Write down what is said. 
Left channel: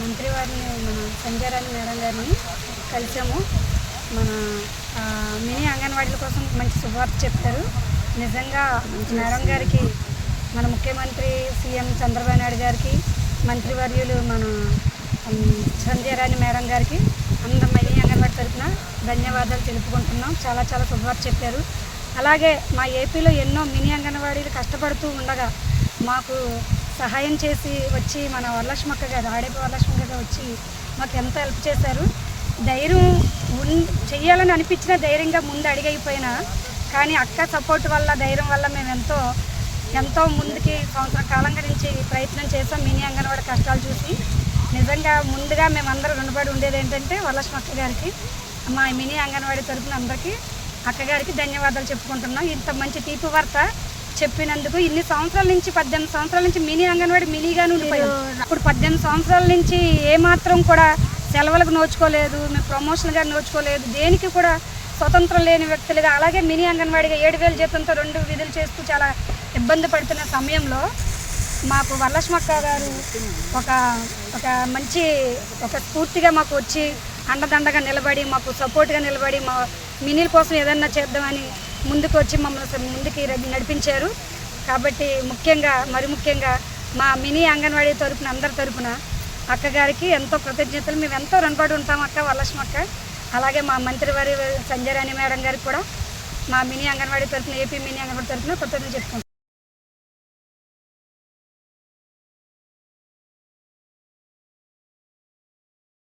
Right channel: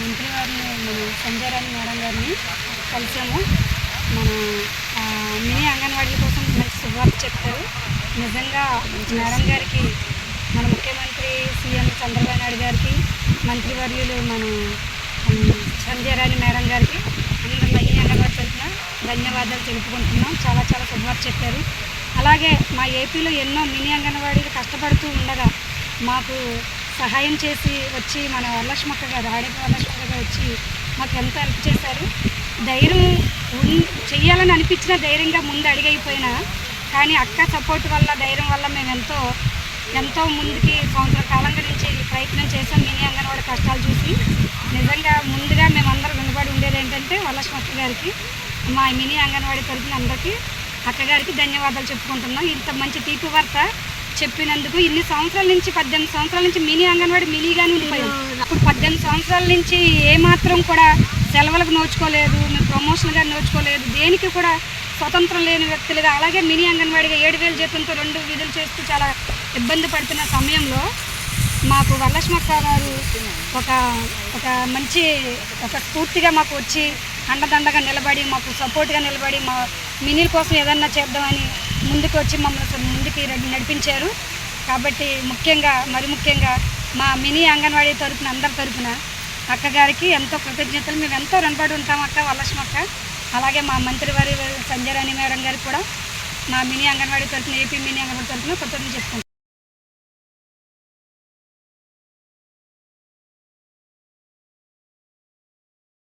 మంత్రి వారిని మన సంజయరాణి మేడం గారిని కలిసాము. మన మినీ అంగన్వాడీల కోసం మంచి శుభార్త చెప్తారు నిజంగా మేడం గారికి మన ముఖ్యమంత్రి సీఎం చంద్రబాబు నాయుడు గారికి మంత్రివర్యులు మన సంజయరాణి మేడం గారికి అందరం మినీ అంగన్వాడి తరఫున ధన్యవాదాలు తెలుపుకుంటున్నాం. చాలా చాలా శుభార్త చెప్పారు. అలాగే మా ఏపీలో ఎన్నో మినీ అంగన్వాడీలు కష్టపడుతూ ఉండగా మాకు సహాయం చేసి వచ్చి మన వరలక్ష్మక్క గారు ఆడేపు వరలక్ష్మక్క గారు వచ్చి మాకు ఎంతో హెల్ప్ చేశారు. ధైర్యం ఉన్ చెయ్యాలని అనిపించిన ధైర్యంగా ముందు అడిగైపోయినా కానీ అక్క సపోర్ట్ వల్ల ధైర్యం వల్ల మేము ఎంతో ఎంతో ముందుకి సంవత్సర కాలంగా నుంచి ప్రయత్నం చేసాం మినీ అంగన్వాడి కష్టాలు చూసి నిజంగా ముందుగా మేమందరం రుణపడి ఉండేది ఏంటంటే వరలక్ష్మక్క గారికి మా మినీ అంగన్వాడి తరఫున అందరికీ అక్కగారికి ధన్యవాదాలు చెప్పుకుంటున్నాం. ఇంత మంచి తీపి వార్త చెప్పినందుకు ఇన్ని సంవత్సరాల నుంచి పద్దెనిమిది సంవత్సరాల నుంచి మినీ అంగన్వాడీ మినీగానే ఉండిపోయాం. ఇప్పుడు పద్దెనిమిది సంవత్సరాల నుంచి ఏమాత్రం కూడా సెలవులకు నోచుకోలేదు మేము ప్రమోషన్గా నోచుకోలేదు. దేనికి కూడా స్వతంత్రం లేని వ్యక్తులుగా అలాగే మినీ అంగన్వాడిగా ఏడు వేల జీతంతో రెండు విధులు చేస్తూ చాలా ఇబ్బంది పడుతున్న సమయంలో మాకు వరలక్ష్మక్క గారు ఒక ఒక మంచి ఒక స్ఫూర్తిగా మాకు వచ్చి అండదండగా నిలబడి మాకు సపోర్ట్గా నిలబడి మా మినీల కోసం ఏదన్నా చేద్దామని ముందుకు వచ్చి మమ్మల్ని ముందుకి నడిపించారు. కాబట్టి ముఖ్యంగా మరి ముఖ్యంగా మా మినీ అంగన్వాడీ తరపున అందరి తరపున అక్కగారికి ఎంతో కృతజ్ఞతలు. మేము ఎంతో రుణపడి ఉంటాం అక్క వరలక్ష్మక్క అలాగే మా మంత్రివారి సంజయ్ రాణి మేడం గారికి కూడా మా మినీ అంగన్వాడీ తరపున ఏపీ మినీ అంగన్వాడీ తరపున కృతజ్ఞతలు చెప్తాం